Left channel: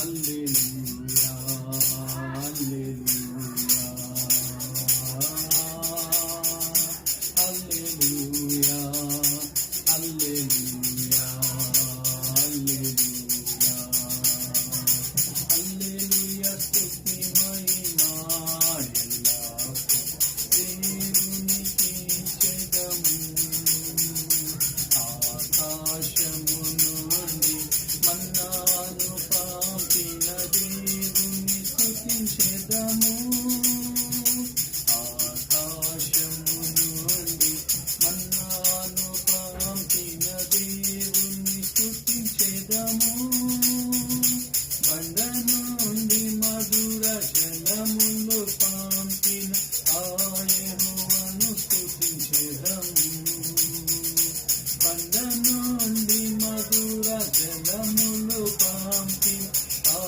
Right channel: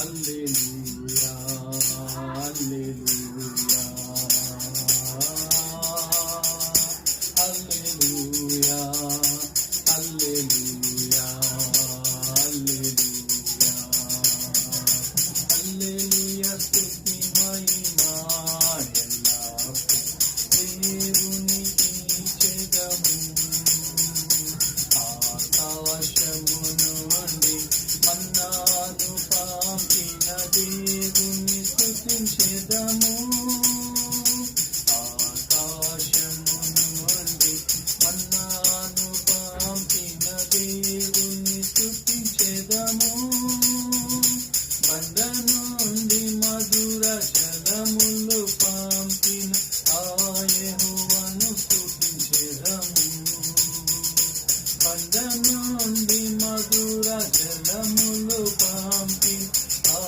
హల్లెలూయా హల్లెలూయా హల్లెలూయా హల్లెలూయా హల్లెలూయా హల్లెలూయా స్తుతి మహిమా ఎల్లప్పుడూ దేవునికి చెదము ఆకాశము నుండి మన్నాను పంపిన దేవుని స్తుతించెదము ఆకాశము నుండి మన్నాను పంపిన దేవుని స్తుతించెదము బండ నుండి మధుర జలములు పంపిన ఆ యెహోవాను స్తుతించెదము బండ నుండి మధుర జలములు పంపిన ఆ